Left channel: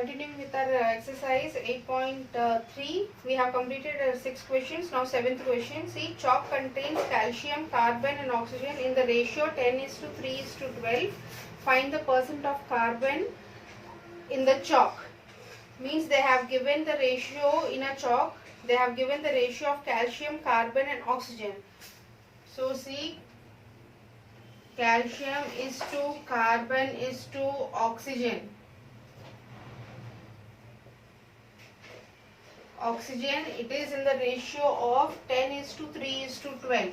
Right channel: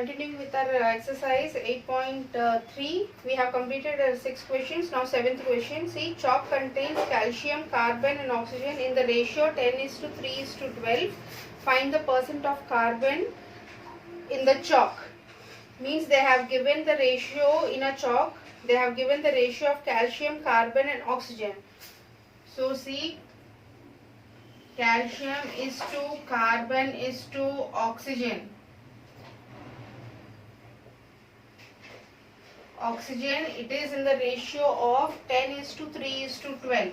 Continuing with our exercise 8.3, we have completed 6 questions. Now 7th question. See, chalk contains calcium, carbon and oxygen in the ratio 10:3:12. Find the percent of carbon in the chalk. Means they have given the ratio in a chalk. They have given the ratio of calcium, carbon and oxygen. So see, calcium is to carbon is to oxygen. Oxygen, it is in the ratio of 10:3:12.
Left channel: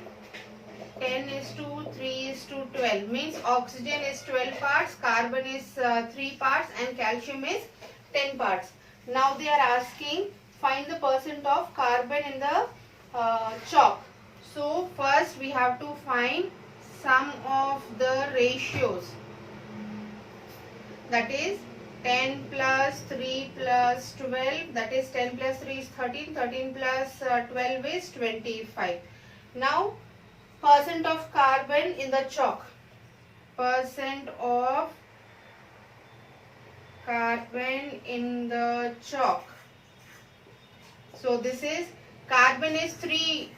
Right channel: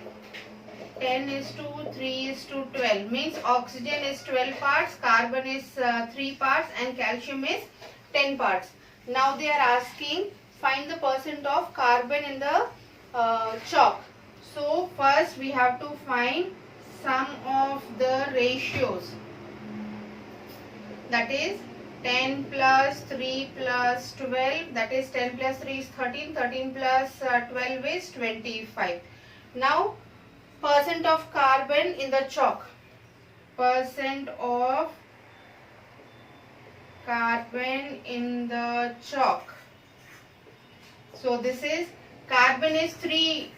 10:3:12 means oxygen is 12 parts, carbon is 3 parts and calcium is 10 parts. Now they are asking find the percent of carbon in the chalk. So first we have to find sum of the ratios, that is 10 plus 3 plus 12, that is 10 plus 3 is 13, 13 plus 12 is 25. Now percent of carbon in the chalk, percent of carbon in the chalk. So this is carbon is 3,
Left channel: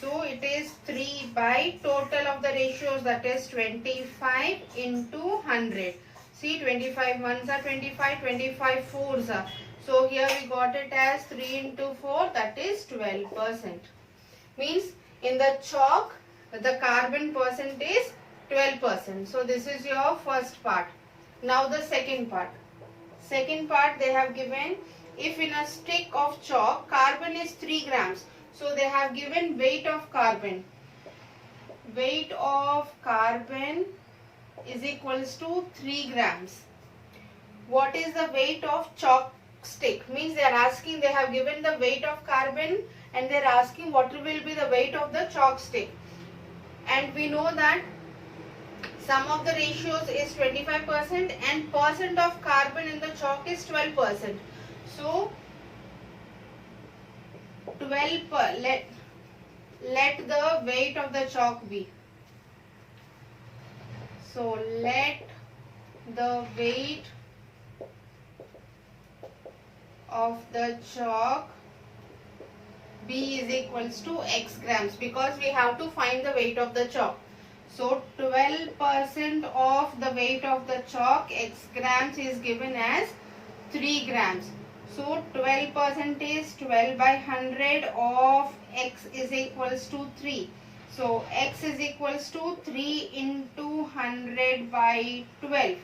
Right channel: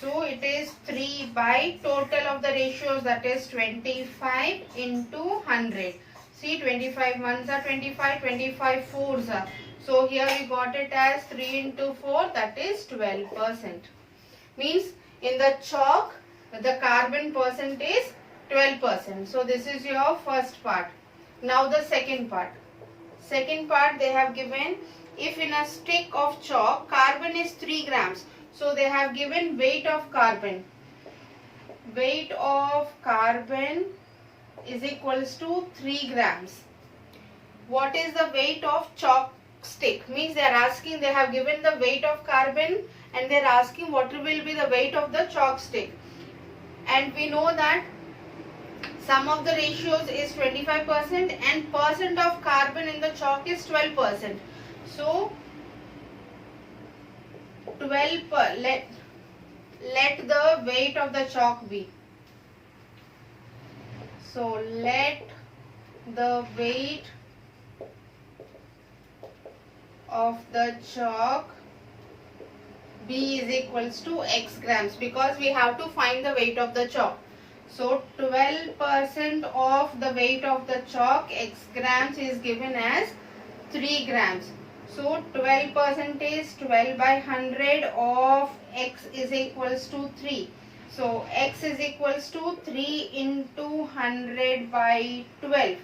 so it is 3 by total of the ratios, that is 25 into 100. See, 25 ones are 25, 25 fours are. So here we got it as 3 into 4, that is 12%. Means in the chalk, the carbon percent is 12%. So this is your first part. Now the second part. Second part they have given, if in a stick of chalk, carbon is 3 grams. So they have given weight of carbon. Weight of carbon is equals to 3 grams. What is the weight of chalk stick? Means they are asking, they have given the weight of carbon and they are asking what will be the weight of the chalk stick. And we know that sum of the ratios is 25% and percent of carbon in the chalk is 12%. So 12 let the weight of the chalk be. So let the weight of the chalk B is equals to X grams, because we have to find the weight of the chalk. So 12% of the weight of the chalk, X grams, is given as 3 grams. So 12% is 12 by 100 of X is equals to 3. So X is equals to 3 into 100 by 12.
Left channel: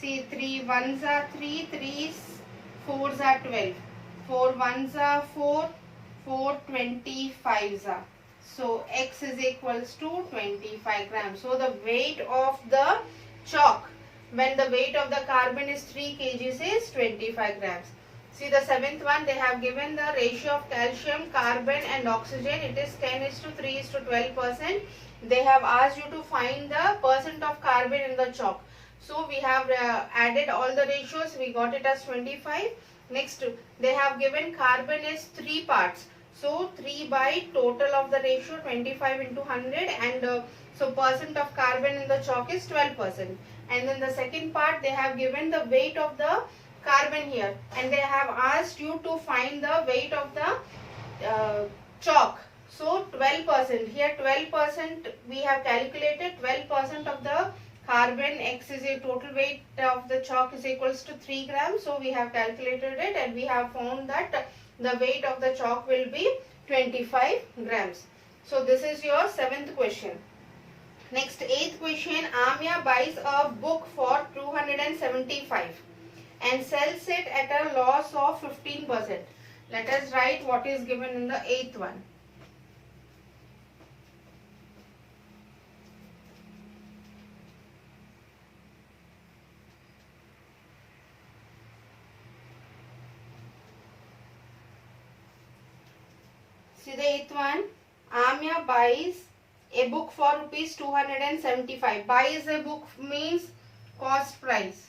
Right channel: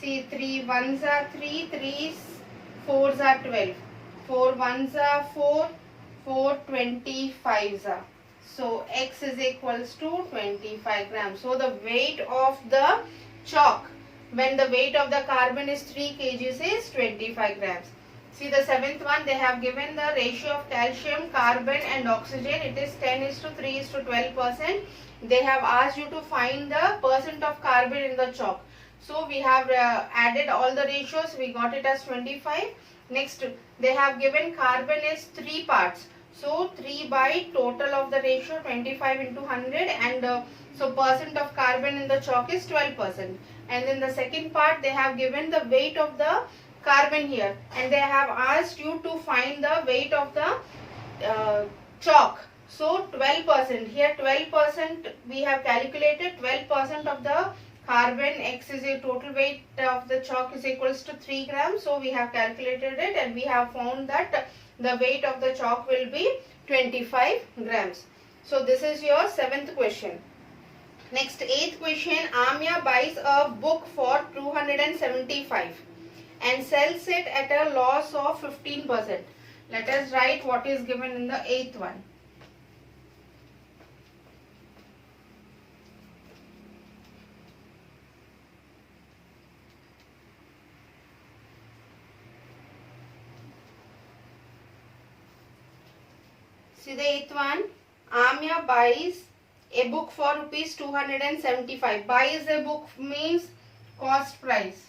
See, 3 ones are 3, 3 fours are 12. 4 ones are 4, 4 25s are. So X is equals to 25 grams. So the weight of the chalk when the weight of the carbon is 3 kgs is 25 grams. See the 7th one, they have given the ratio of calcium, carbon and oxygen. It is 10:3:12%. They have asked you to find the percent of carbon in the chalk. So we have added all the ratios. We got it as 25. Next, they have given carbon is 3 parts. So 3 by total of the ratio 25 into 100 and so percent of carbon in the chalk is 12%. And then the second part, they have given the weight of the carbon here and they have asked you to find the weight of the chalk. So 12%, here 12% we have calculated. 12% of the carbon, X is a total weight of the chalk is equals to 3 grams. So we have calculated it and we have found that the weight of the chalk will be 25 grams. So this is your 7th question. Next, 8th question. Amya buys a book for 275 and sells it at a loss of 15%. Let us write what is given in the 8th one. See the 8th one. Amya buys a book for rupees 275. Buys a book means cost price.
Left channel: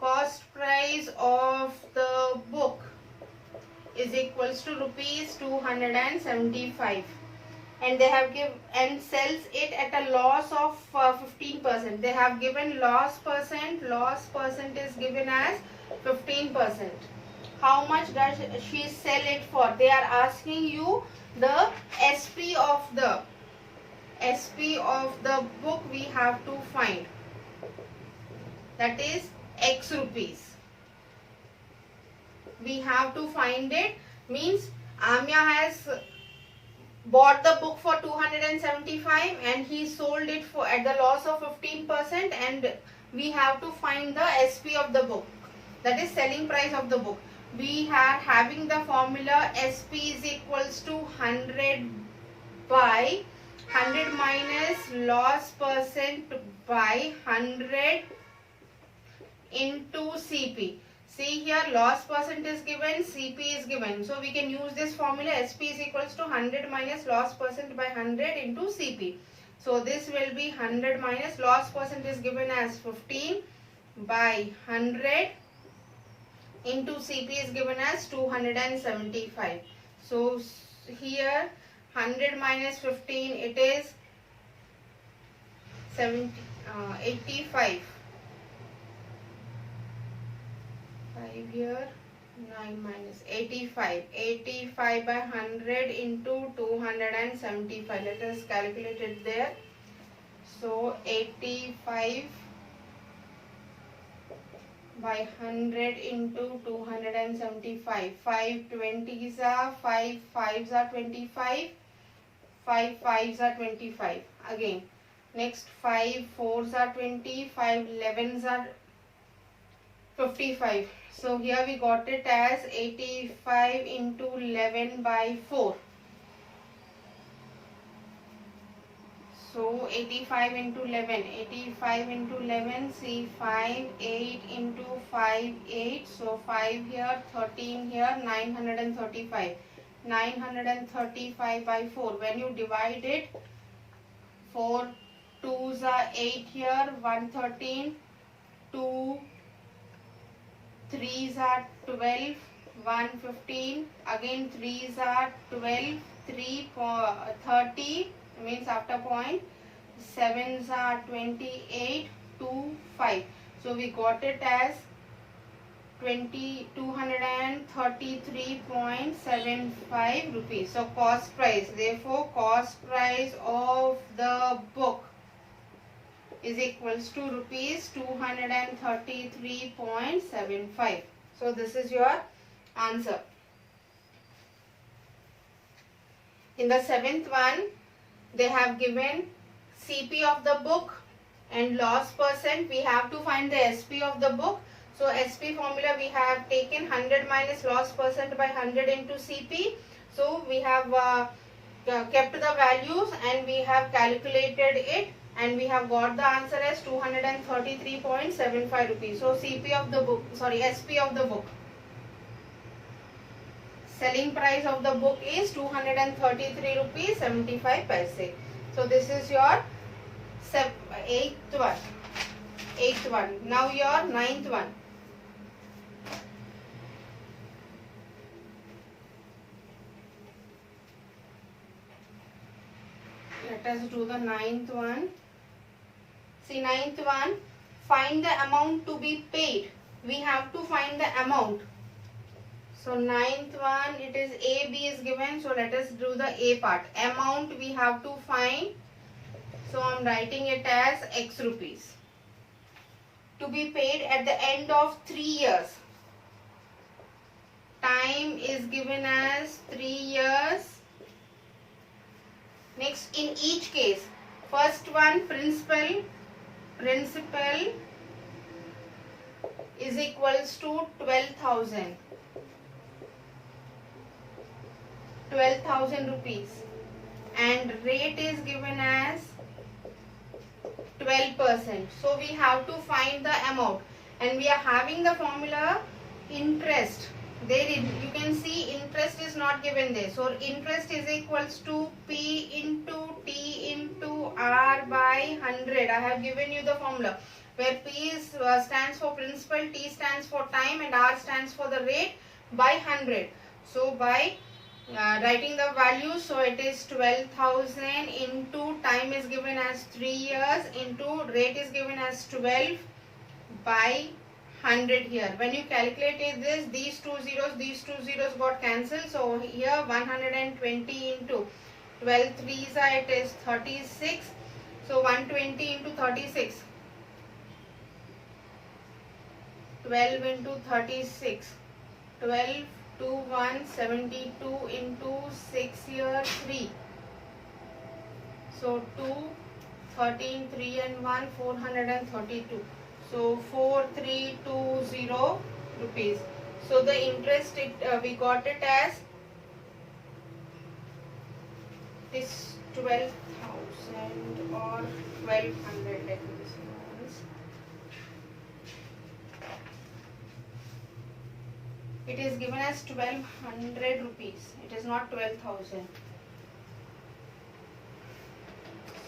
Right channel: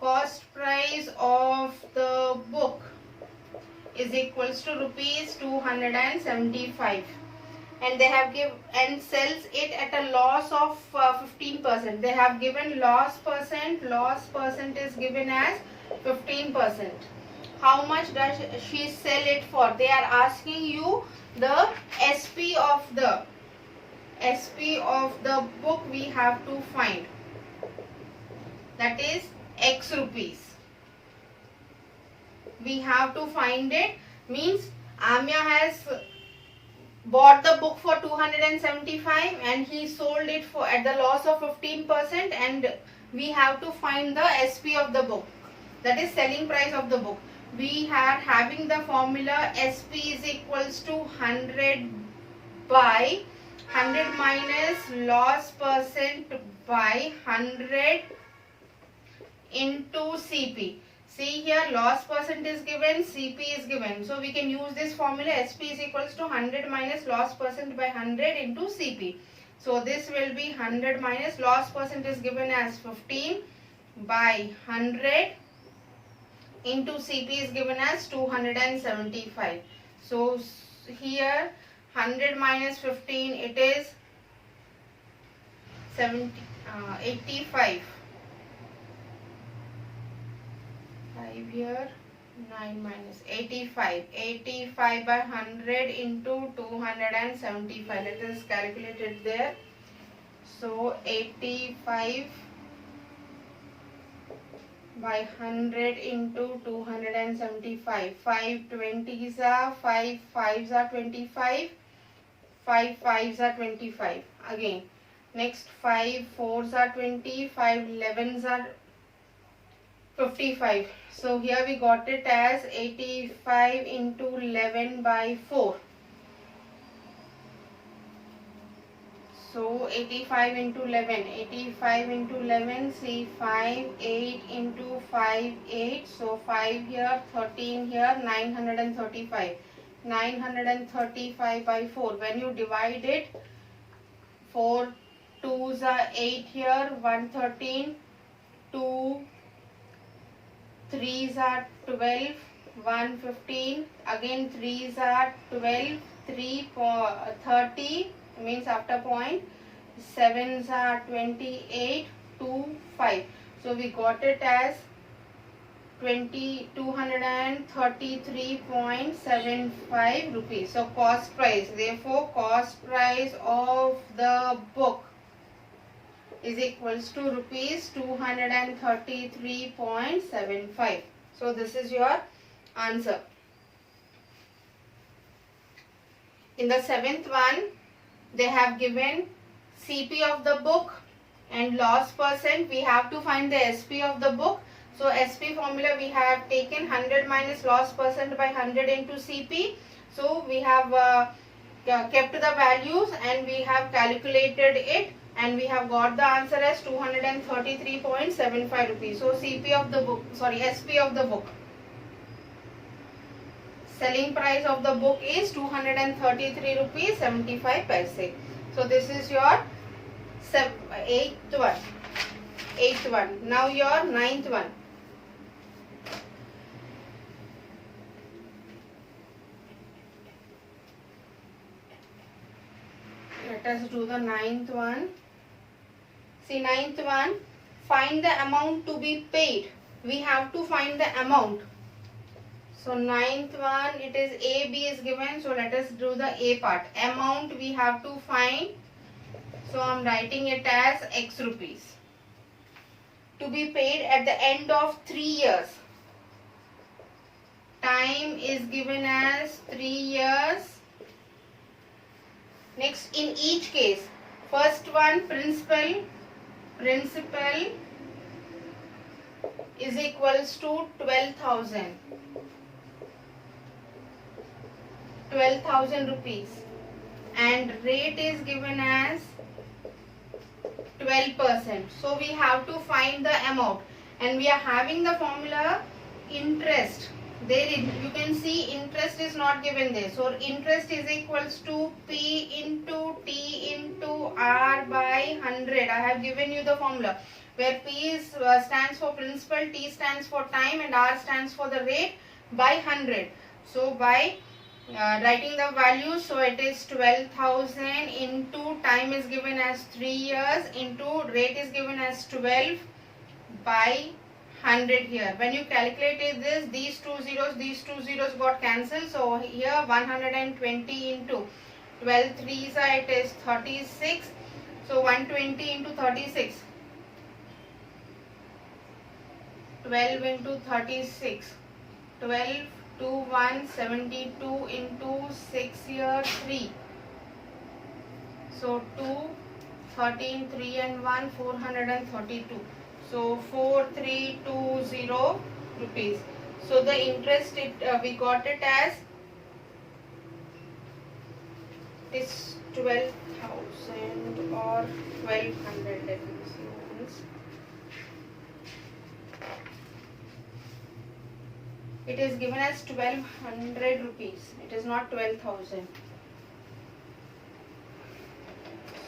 Cost price of the book is equals to rupees 275. and they have give and sells it at a loss of 15%. They have given loss percent is given as 15%. How much does she sell it for? They are asking you the SP of the book we have to find. That is X rupees. We have to find it. Means Amya has bought the book for 275 and he sold it for at the loss of 15%, and we have to find the SP of the book, that is selling price of the book. We are having the formula SP is equals to 100 by 100 minus loss percent by 100 into CP. See here, loss percent is given, CP is given. So we can use this formula. SP is equals to 100 minus loss percent by 100 into CP. So this will be 100 minus loss percent is given as 15 by 100 into CP is given as 275. So here 100 minus 15, it is 85. 5 here, 9 minus 85. 85 by 100 into 275. Let us calculate it there. So 85 by 100 into 275. 5 20s are 5 5s are 25. 5 5s are 25. Again, next 5 4s are 20. 5 11s are 55. So here we got it as 85 into 11 by 4. So 85 into 11. 85 into 11. See 5 8 into 5 8. So 5 here, 13 here, 935. 935 by 4. When you divide it, 4 2s are 8 here, 113, 2 3s are 12, 115, again 3s are 12, 3 30 means after point, 7s are 28, 2 5. So we got it as 233.75 rupees. So cost price, therefore cost price of the book is equals to rupees 233.75. So this is your answer. In the seventh one, they have given CP of the book and loss percent. We have to find the SP of the book. So SP formula, we have taken 100 minus loss percent by 100 into CP. So we have kept the values and we have calculated it, and we have got the answer as 233.75 rupees. So CP of the book, sorry, SP of the book, selling price of the book is 233 rupees 75 paise. So this is your eighth one. Now your ninth one. Let us do the ninth one. See, ninth one, find the amount to be paid. We have to find the amount. So ninth one, it is A, B is given. So let us do the A part. Amount we have to find. So I am writing it as X rupees. To be paid at the end of 3 years. Time is given as 3 years. Next, in each case, first one, principal is equals to 12,000 rupees, and rate is given as 12%. So we have to find the amount, and we are having the formula interest. There you can see interest is not given there. So interest is equals to P into T into R by 100. I have given you the formula where P is, stands for principal, T stands for time, and R stands for the rate by 100. So by Writing the value, so it is 12,000 into time is given as 3 years into rate is given as 12 by 100 here. When you calculated this, these two zeros got cancelled. So here 120 into 12 threes it is 36. So 120 into 36. 12 into 36. 12 2 1 72 into 6 here 3. So 2 13 3 and 1 432. So 4320 rupees. So the interest we got it as this 12,000 or 1200. Let me see once. It is given as 1200 rupees. It is not 12,000.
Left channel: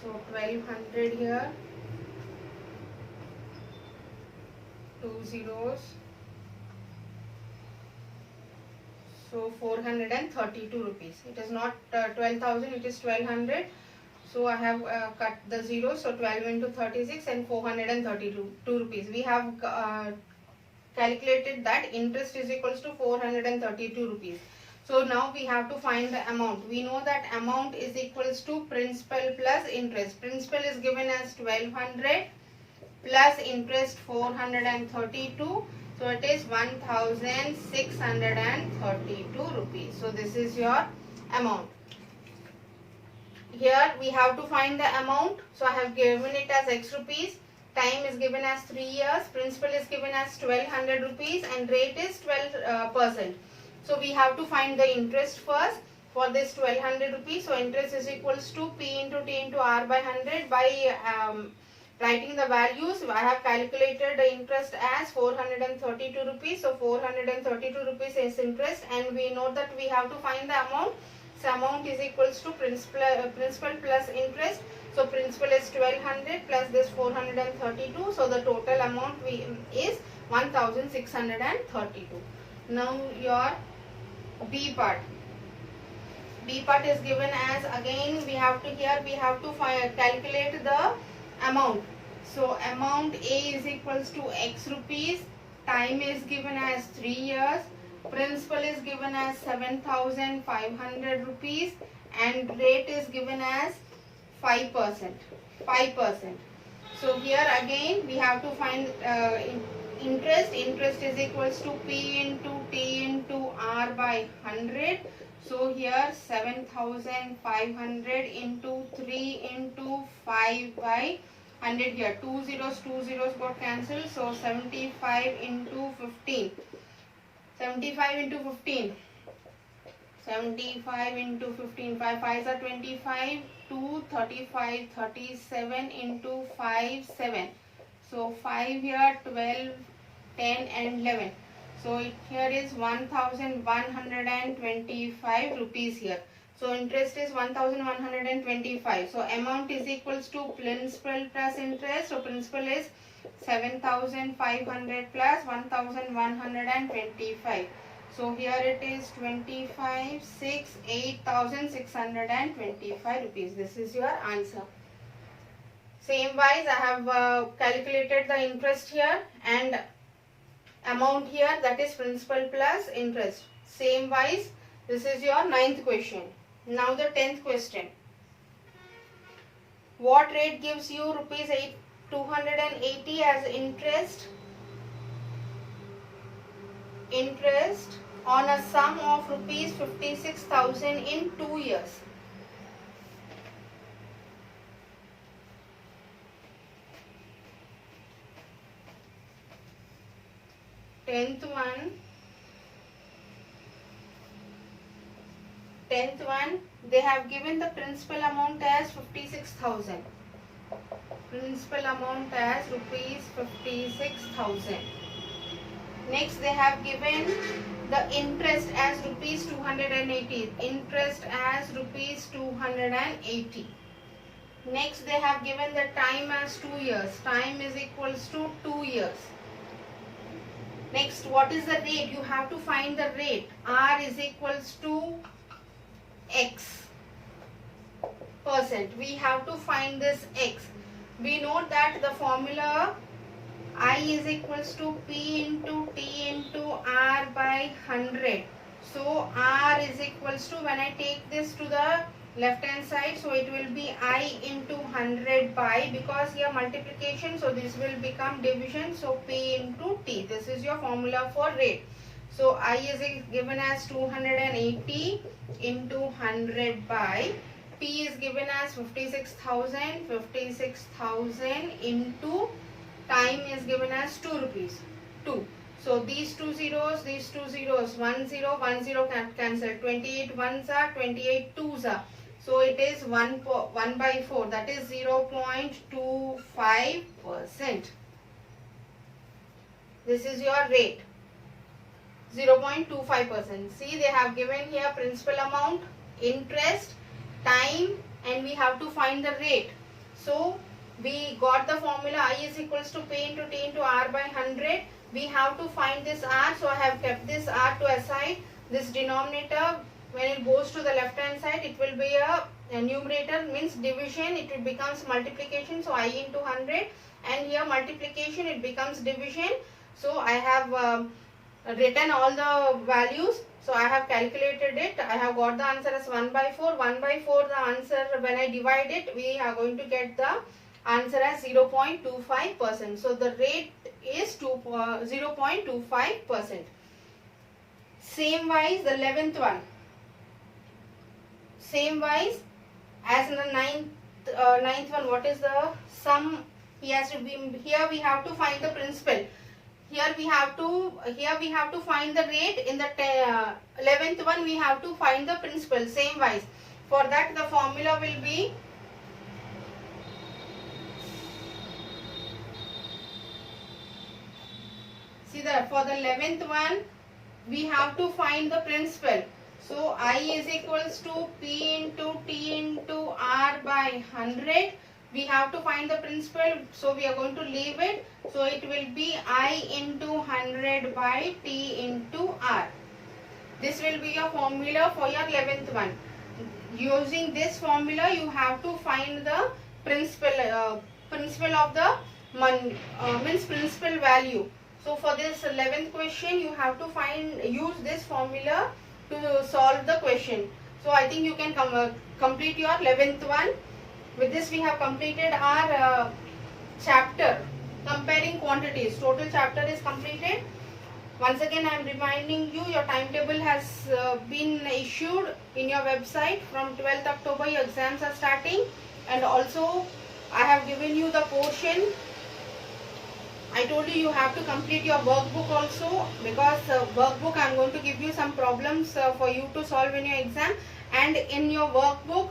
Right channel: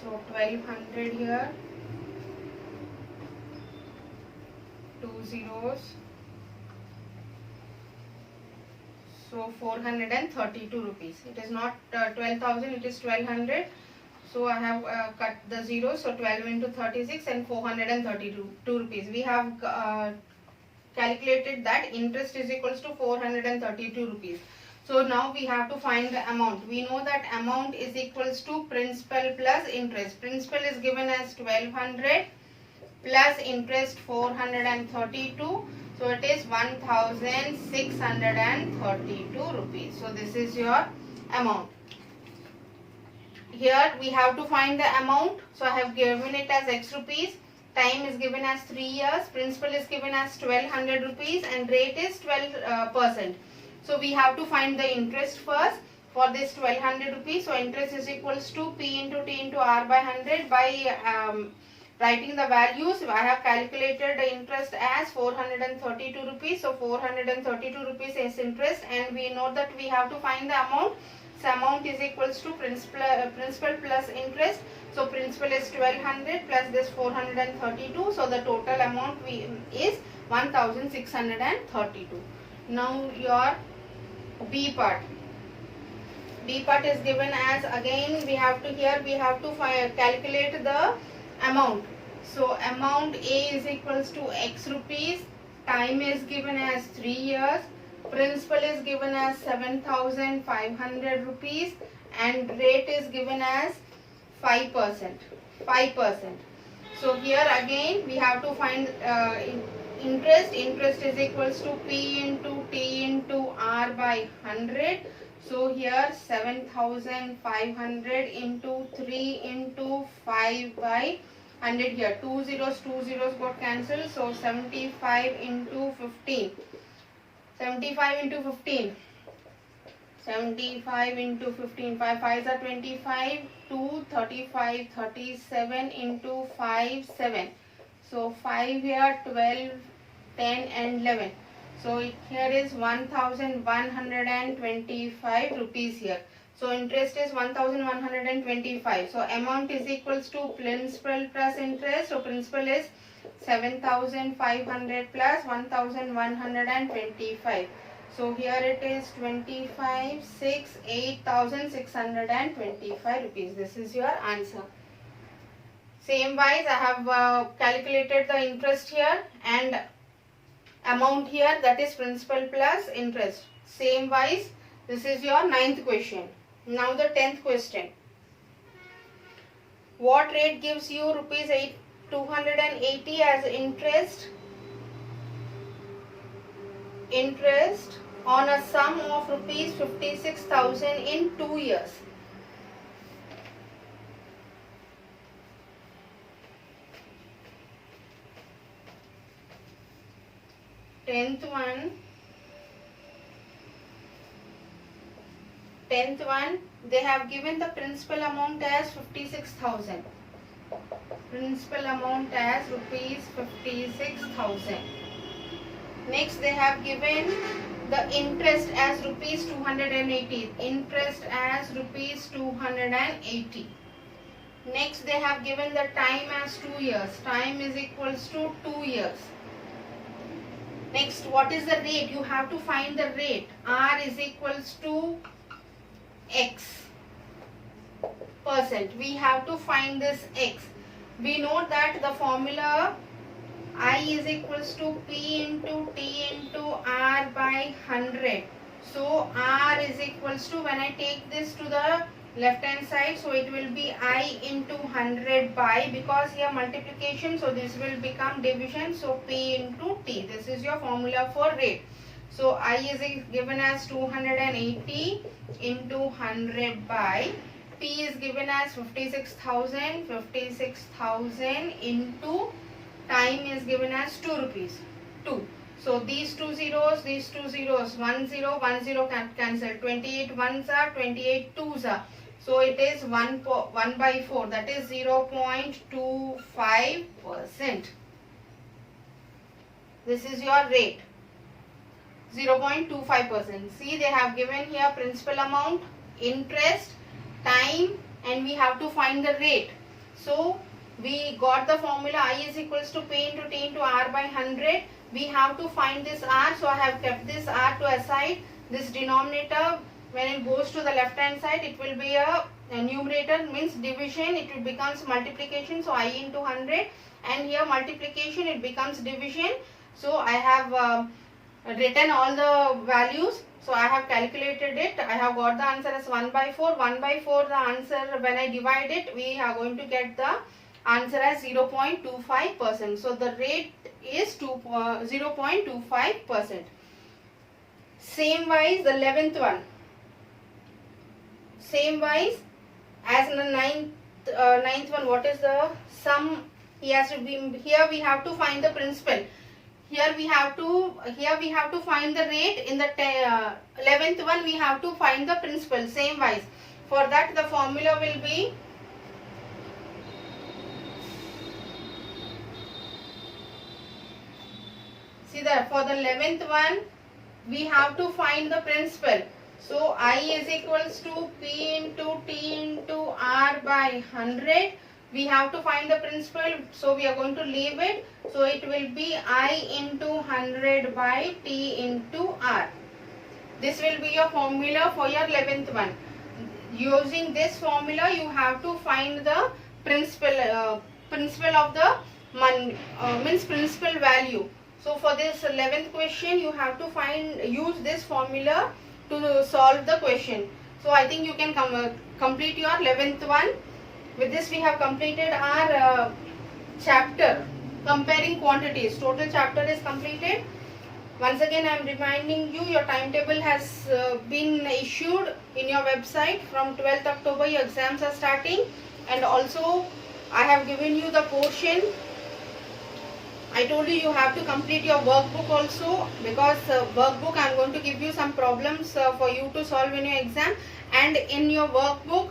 So 1200 here. 2 zeros. So 432 rupees. It is not 12,000. It is 1200. So I have cut the zeros. So 12 into 36 and 432 rupees. We have calculated that interest is equals to 432 rupees. So now we have to find the amount. We know that amount is equals to principal plus interest. Principal is given as 1200 plus interest 432. So it is 1632 rupees. So this is your amount. Here we have to find the amount. So I have given it as X rupees. Time is given as 3 years. Principal is given as 1200 rupees and rate is 12%. So we have to find the interest first for this 1200 rupees. So interest is equals to P into T into R by 100 by writing the values. I have calculated the interest as 432 rupees. So 432 rupees is interest and we know that we have to find the amount. So amount is equals to principal plus interest. So principal is 1200 plus this 432. So the total amount is 1632. Now your B part. B part is given as, again we have to calculate the amount. So amount A is equals to X rupees. Time is given as 3 years. Principal is given as 7,500 rupees and rate is given as 5%. So here again we have to find interest. Interest is equals to P into T into R by 100. So here 7,500 into 3 into 5 by 100 here. 2 zeros got cancelled. So 75 into 15. 75 into 15. 75 into 15. 5 5s are 25. 2 35 37 into 5 7. So 5 here 12 10 and 11. So here is 1125 rupees here. So interest is 1125. So amount is equals to principal plus interest. So principal is 7,500 plus 1,125. So here it is 25 6 8,625 rupees. This is your answer. Same wise I have calculated the interest here and amount here, that is principal plus interest. Same wise this is your 9th question. Now the 10th question. What rate gives you rupees 280 as interest on a sum of rupees 56,000 in 2 years? Tenth one, they have given the principal amount as 56,000. Principal amount as rupees 56,000. Next they have given the interest as rupees 280. Interest as rupees 280. Next they have given the time as 2 years. Time is equals to 2 years. Next, what is the rate? You have to find the rate. R is equals to x percent. We have to find this x. We know that the formula I is equals to P into T into R by 100. So R is equals to, when I take this to the left hand side, so it will be I into 100 by, because here multiplication, so this will become division, so P into T. This is your formula for rate. So I is given as 280 into 100 by, P is given as 56,000 into time is given as 2 rupees. 2. So these two zeros, 1 0, 1 0 can cancel. 28 ones are, 28 twos are. So it is 1 by 4, that is 0.25%. This is your rate. 0.25%. See, they have given here principal amount, interest, time, and we have to find the rate. So we got the formula I is equals to P into T into R by 100. We have to find this R, so I have kept this R to aside. This denominator, when it goes to the left hand side, it will be a numerator, means division, it will becomes multiplication, so I into 100, and here multiplication, it becomes division. So I have written all the values, so I have calculated it. I have got the answer as 1 by 4. 1 by 4, the answer, when I divide it, we are going to get the answer as 0.25%. So the rate is 0.25%. Same wise, the 11th one. Same wise as in the ninth one, what is the sum? He has to be, here we have to find the principal. Here we have to find the rate. In the 11th one, we have to find the principal. Same wise. For that, the formula will be for the 11th one, we have to find the principal. So I is equals to P into T into R by 100. We have to find the principal, so we are going to leave it. So it will be I into 100 by T into R. This will be your formula for your 11th one. Using this formula, you have to find the principal of the means principal value. So for this 11th question, you have to use this formula to solve the question. So I think you can complete your 11th one. With this, we have completed our chapter comparing quantities. Total chapter is completed. Once again, I am reminding you, your timetable has been issued in your website. From 12th October, your exams are starting. And also, I have given you the portion. I told you you have to complete your workbook also, because workbook I am going to give you some problems for you to solve in your exam. And in your workbook,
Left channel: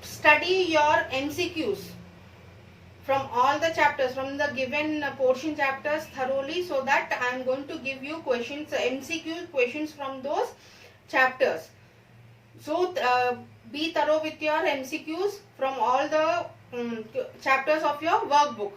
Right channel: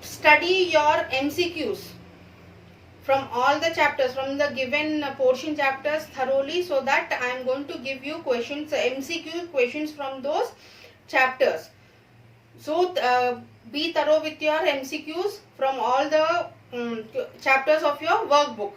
study your MCQs from all the chapters, from the given portion chapters thoroughly, so that I am going to give you questions, MCQ questions from those chapters. So be thorough with your MCQs from all the chapters of your workbook.